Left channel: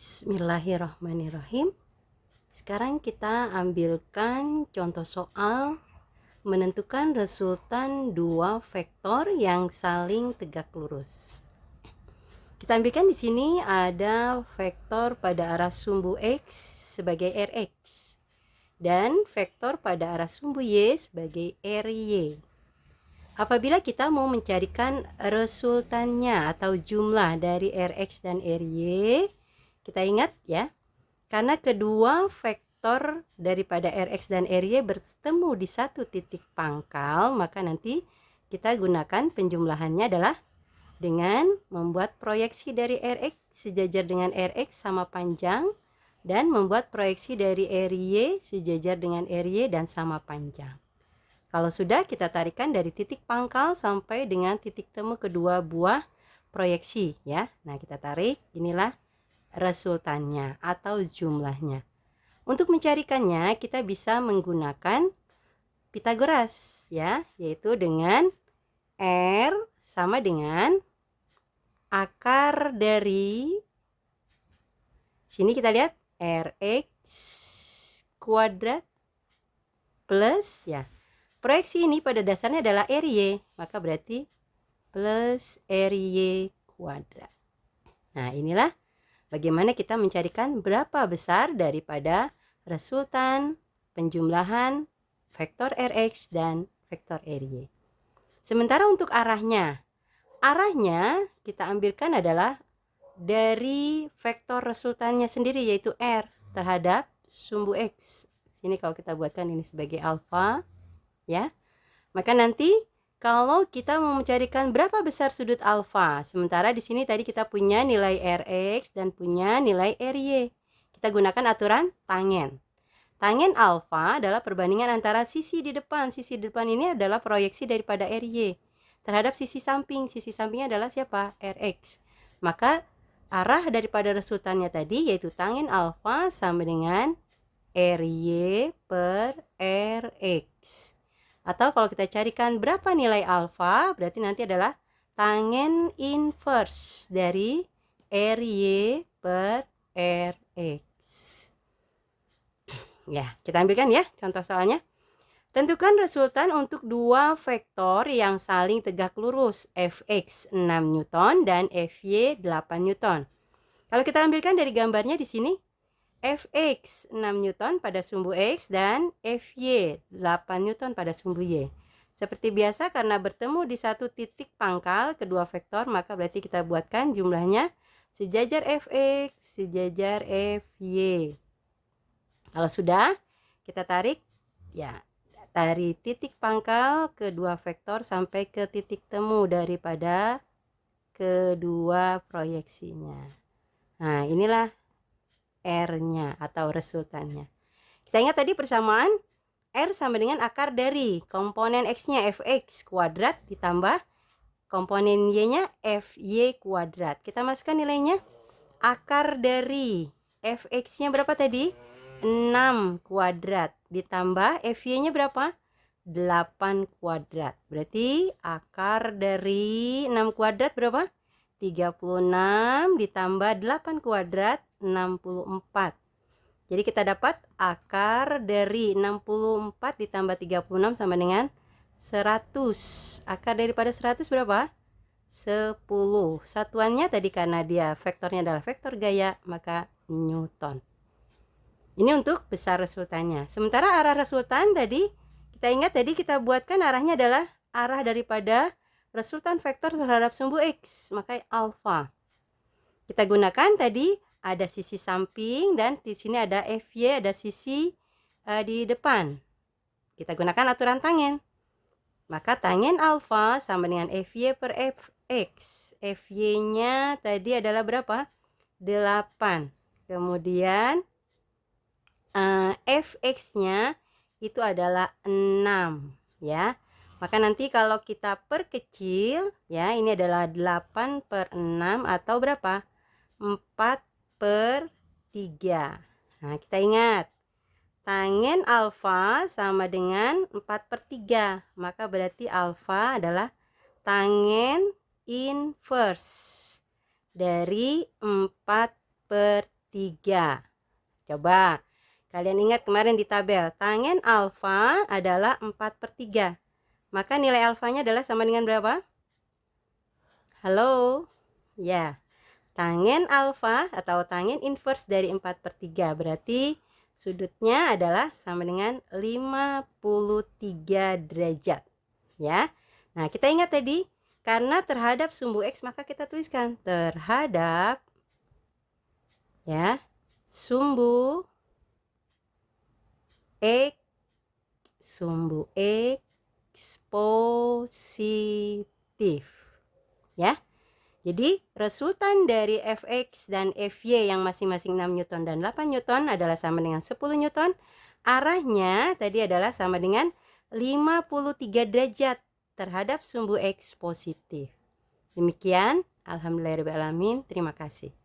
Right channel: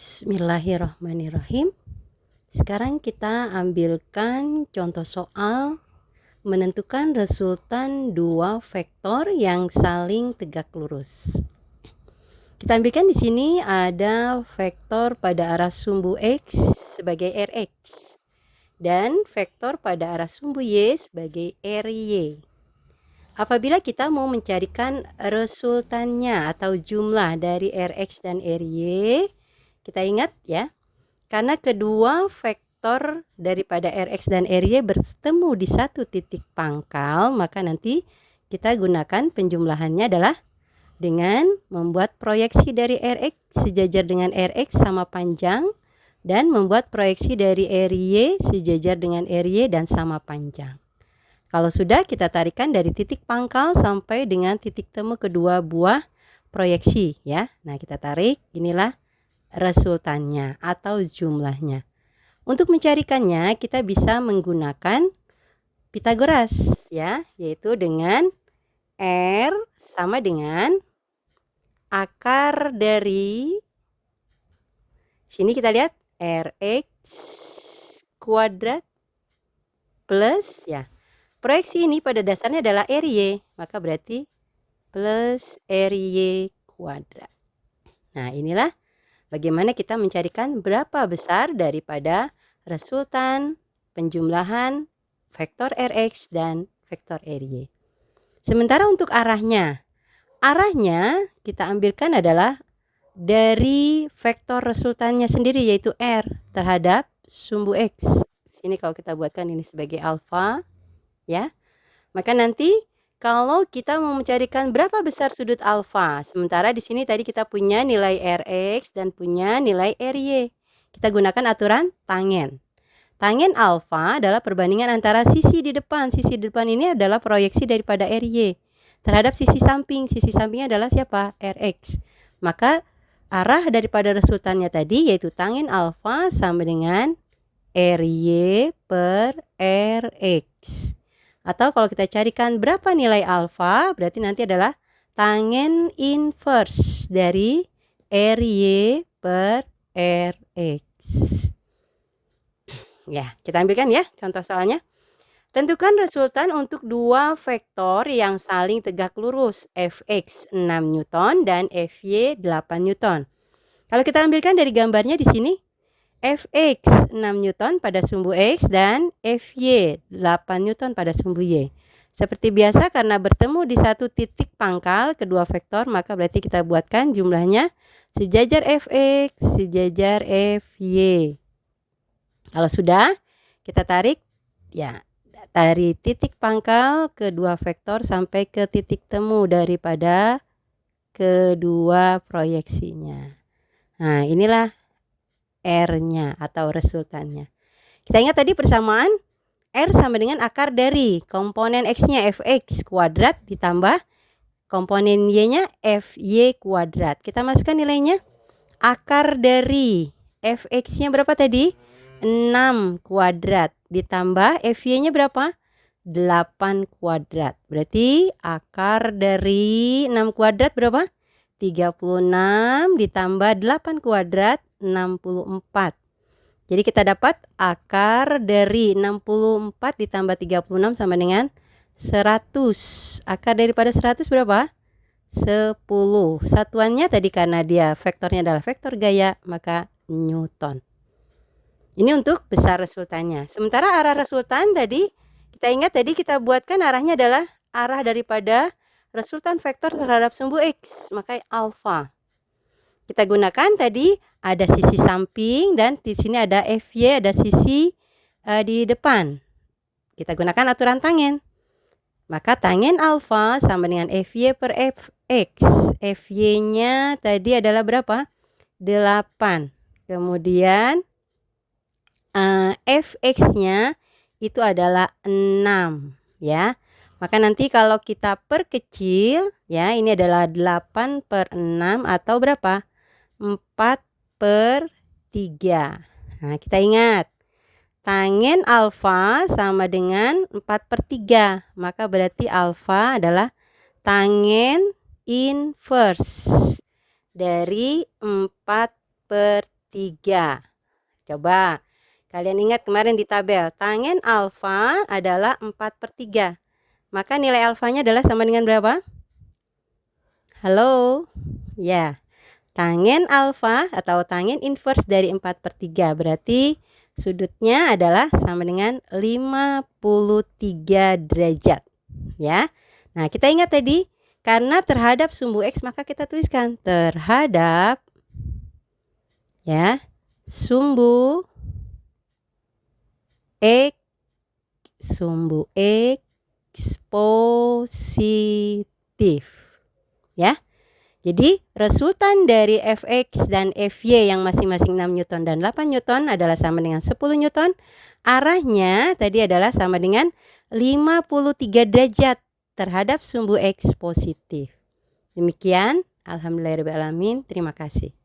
Bismillahirrahmanirrahim. Sekarang kita ambilkan contoh soal menentukan resultan dua vektor yang saling tegak lurus. Kita ambilkan di sini ada vektor pada arah sumbu X sebagai Rx dan vektor pada arah sumbu Y sebagai Ry. Apabila kita mau mencarikan resultannya atau jumlah dari Rx dan Ry, kita ingat ya, karena kedua vektor daripada Rx dan Ry bertemu di satu titik pangkal, maka nanti kita gunakan penjumlahannya adalah dengan membuat proyeksi dari Rx sejajar dengan Rx sama panjang dan membuat proyeksi dari Ry sejajar dengan Ry dan sama panjang. Kalau sudah, kita tarikan dari titik pangkal sampai dengan titik temu kedua buah proyeksi ya. Nah, kita tarik, inilah resultannya atau jumlahnya. Untuk mencarikannya kita bisa menggunakan Pitagoras ya, yaitu dengan R sama dengan akar dari sini, kita lihat Rx kuadrat plus ya. Proyeksi ini pada dasarnya adalah Ry, maka berarti plus Ry kuadrat. Nah, inilah bagaimana kita mencarikan berapa besar daripada resultan penjumlahan vektor Rx dan vektor Ry. Sementara untuk arahnya kita ambilkan adalah dari vektor resultannya sendiri, yaitu R terhadap sumbu X. Sini kalau kita buatkan ini sebagai alfa ya, maka nanti kalau kita mau mencarikan berapa besar sudut alfa, sementara di sini tadi kita punya nilai Rx dan punya nilai Ry, kita gunakan aturan tangen. Tangen alfa adalah perbandingan antara sisi di depan. Sisi di depan ini adalah proyeksi daripada Ry terhadap sisi samping. Sisi sampingnya adalah siapa? Rx. Maka arah daripada resultannya tadi yaitu tangen alfa sama dengan Ry per Rx. Atau kalau kita carikan berapa nilai alfa, berarti nanti adalah tangen inverse dari Ry per Rx. Ya, kita ambilkan ya contoh soalnya. Tentukan resultan untuk dua vektor yang saling tegak lurus, Fx 6 Newton dan Fy 8 Newton. Kalau kita ambilkan dari gambarnya di sini, Fx 6 Newton pada sumbu X dan Fy 8 Newton pada sumbu Y. Seperti biasa, karena bertemu di satu titik pangkal kedua vektor, maka berarti kita buatkan jumlahnya sejajar Fx sejajar Fy. Kalau sudah, kita tarik ya dari titik pangkal kedua vektor sampai ke titik temu daripada kedua proyeksinya. Nah, inilah R-nya atau resultannya. Kita ingat tadi persamaan R sama dengan akar dari komponen X-nya Fx kuadrat ditambah komponen Y-nya Fy kuadrat. Kita masukkan nilainya. Akar dari Fx-nya berapa tadi? 6 kuadrat ditambah Fy-nya berapa? 8 kuadrat. Berarti akar dari 6 kuadrat berapa? 36 ditambah 8 kuadrat 64. Jadi kita dapat akar dari 64 ditambah 36 sama dengan 100. Akar daripada 100 berapa? 10. Satuannya tadi karena dia vektornya adalah vektor gaya, maka Newton. Ini untuk besar resultannya. Sementara arah resultan tadi, kita ingat tadi kita buatkan arahnya adalah arah daripada resultan vektor terhadap sumbu X, maka alfa. Kita gunakan tadi ada sisi samping dan di sini ada Fy, ada sisi di depan. Kita gunakan aturan tangen. Maka tangen alfa sama dengan Fy per Fx. Fy-nya tadi adalah berapa? 8. Kemudian Fx-nya itu adalah 6 ya. Maka nanti kalau kita perkecil ya, ini adalah 8 per 6 atau berapa? 4 per 3. Nah, kita ingat tangen alfa sama dengan 4 per 3. Maka berarti alfa adalah tangen inverse dari 4 per 3. Coba kalian ingat kemarin di tabel, tangen alfa adalah 4/3. Maka nilai alfanya adalah sama dengan berapa? Halo? Ya, tangen alfa atau tangen inverse dari 4/3. Berarti sudutnya adalah sama dengan 53 derajat. Ya. Nah, kita ingat tadi, karena terhadap sumbu X maka kita tuliskan terhadap ya sumbu X positif. Ya. Jadi resultan dari Fx dan Fy yang masing-masing 6 Newton dan 8 Newton adalah sama dengan 10 Newton. Arahnya tadi adalah sama dengan 53 derajat terhadap sumbu X positif. Demikian, alhamdulillahirabbil alamin. Terima kasih.